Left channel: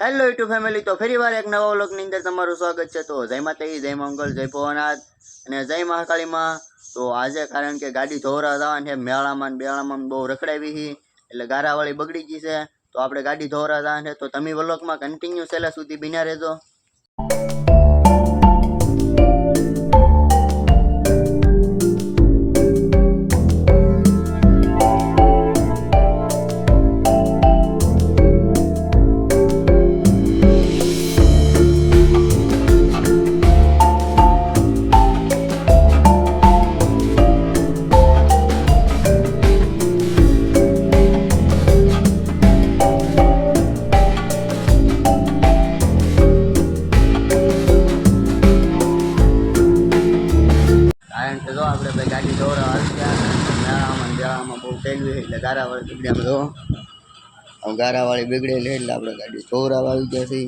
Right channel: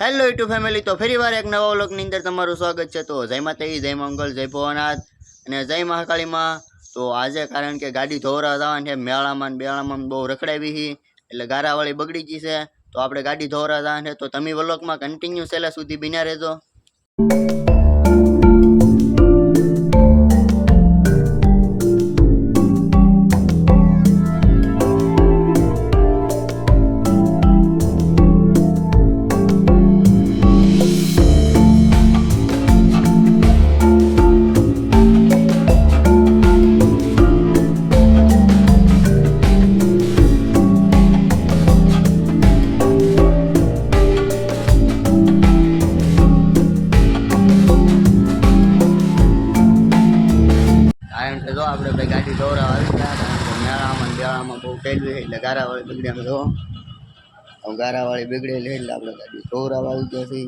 Hello YouTube family, તો ફરી વાર એક નવા વ્લોગની અંદર તમારું સ્વાગત છે। તો જય માતાજી, જય મંગલ, જય ભવનાથ અને જય મહાકાળીમાં। તો આજે કારણ કે ગાડી ધોરા જવાની છે, મેળામાં બેળામાં બહુ રખડાવી છે, એટલે ગારાવાળી બગડી ગઈ છે। તો આપણે ગાડી ધોરા જવાની છે, તો તમે વ્લોગમાં કન્ટિન્યુ છેલ્લા સુધી બન્યા રહેજો। કારણ કે જો આપણે ભાઈ ગાડી ધોરા આવી ગયા, કારણ કે મેળામાં બેળામાં બહુ ફેલવી છે, એટલે ગારાવાળી બગડે આમ જો ગારાવાળી બગડેલી એટલે આપણે ગાડી ધોરા આવી ગયા છે।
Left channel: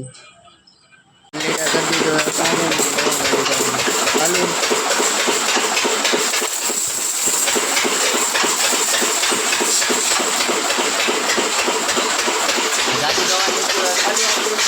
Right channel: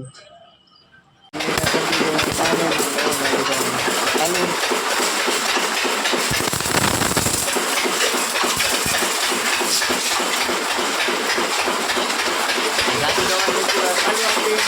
ગાડી ધોવાની ચાલુ હતી।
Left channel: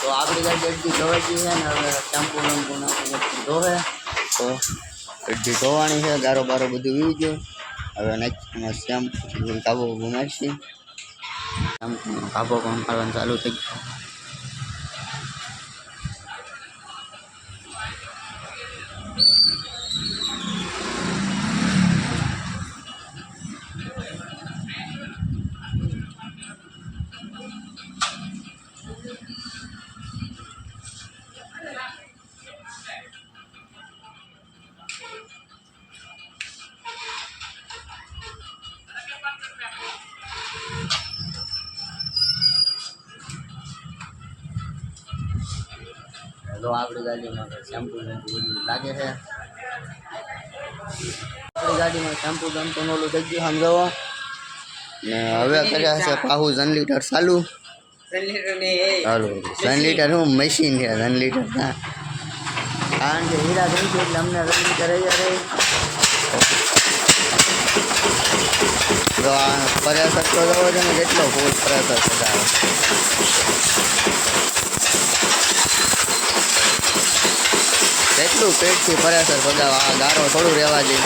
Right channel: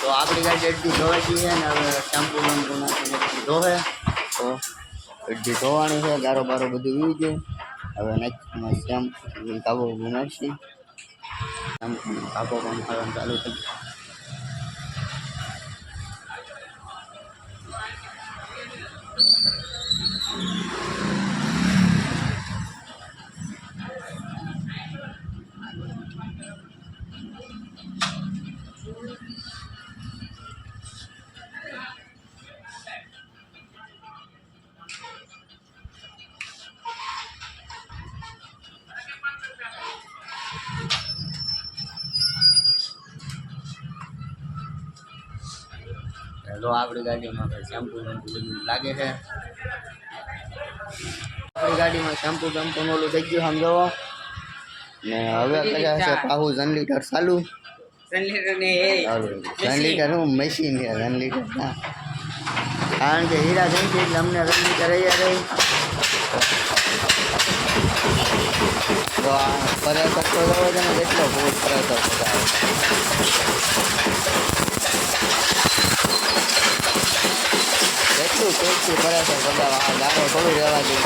તો આપણી ગાડી અડધી ધોવાઈ ગઈ છે ને હવે શેમ્પુ વેમ્પુ નાખીને ધોવે તો અડધી ધોવાની છે, ગારો બારો બધું વી ગયું। હવે નેક્સ્ટમાં શેમ્પુ કાબો નાખી, શેમ્પુનો કાબો પણ ખાવાનું ચાલુ થઈ ગયો। તો આપણી ગાડીમાં શેમ્પુ વેમ્પુ બધું લાગે છે। આપણી ગાડીમાં શેમ્પુ બેમ્પુ ઓલું થઈ ગયું સમજો ને હવે કર્યા છે પાહુ જન લીટર ચાલુ। જન લીટર હું મશીન છે, જન લીટર ના, કારણ કે હીરા જઈ છે એટલે અમને જન લીટર અહીંયા રહી। જો આ પ્રેશર તો જવો છે ને, કેટલો ફૂલ પ્રેશર પગાવે, કેટલું પેટથી પ્રેશર પગાવે, આ ગારો થોડું રહેવા દે।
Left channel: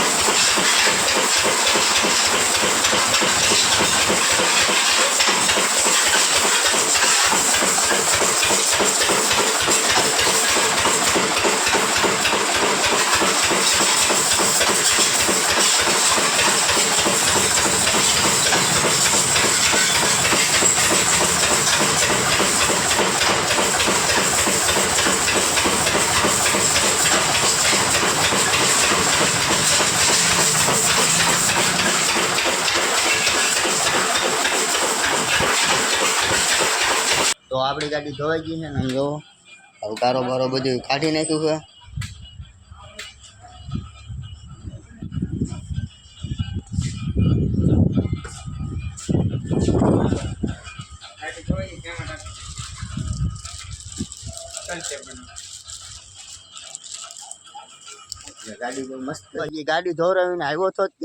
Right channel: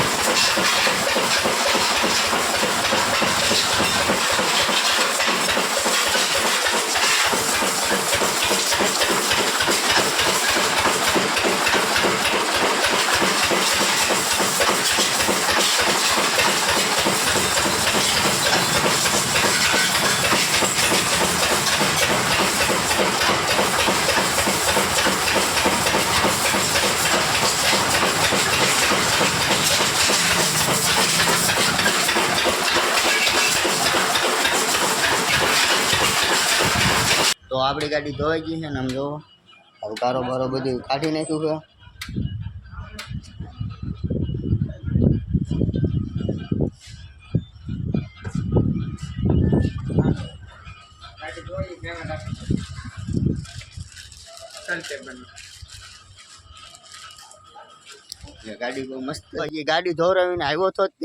તો આપણી ગાડી ધોવાઈ ગઈ છે ને, આમ જોવો હવે ગારો બારો બધું કાઢી નાખ્યું છે। ગાડી બહુ મસ્ત, ગાડી ધોરાવીને આવ્યો તો જ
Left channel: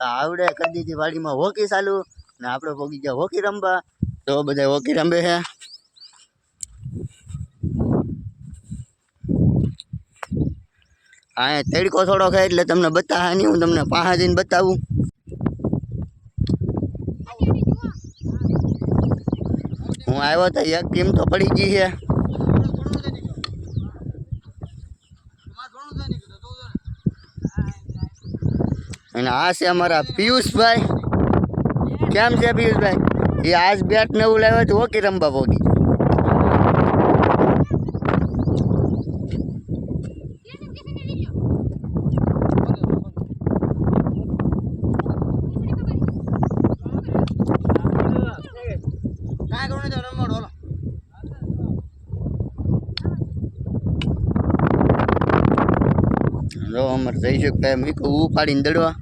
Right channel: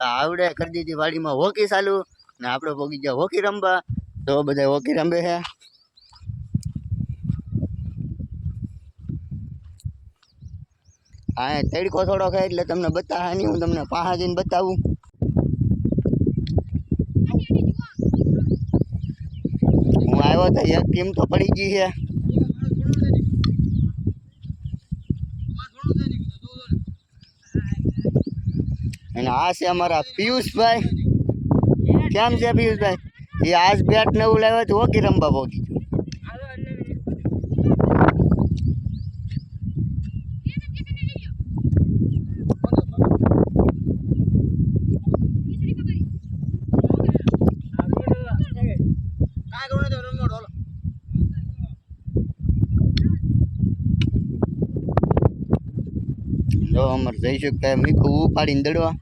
આવડે કરી દીધી વાડીમાં હોકી ચાલુ ને આપણે પોગી ગયા હોકી રમવા। તો બધા હોકી રમે છે। હા તડકો થોડો ખાય એટલે તમને બતાવવા નહીં, હું તમને પાસે જઈને બતાવું. હું આવ્યો તો એક ટીમ તો પડી ગઈ છે. અને આ છે અમારા પિયુષભાઈ. કેમ છે પિયુષભાઈ? એ આજ બેટ નવું લાવ્યા તો હોકી રમવા પોગી. જો અમારે જઈશું કે મીઠું ઉપાડીને દડવા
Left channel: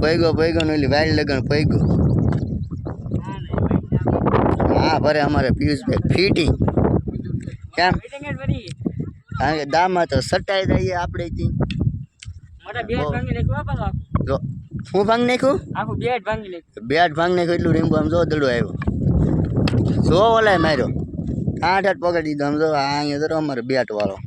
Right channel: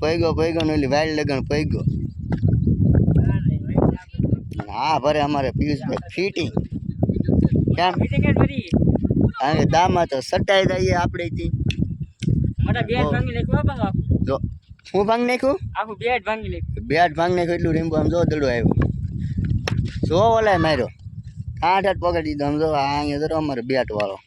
પૈગો ને ઓલી વાયર લગન પૈગો. હા ભરે અમારે પિયુષભાઈ ફિટિંગ. કેમ? કારણ કે દામાં તો સટાઈ જઈએ આપણે થી. જો હું ભાંગ નાખ્યું, બેટ ભાંગ નાખ્યું એટલું રીંબુ આમ જો દડો આવ્યો. જો ઓલાય માર્યો 8 પકડી દીધો. આમ જો અહીંયા જરો અમારે બેટ વાળો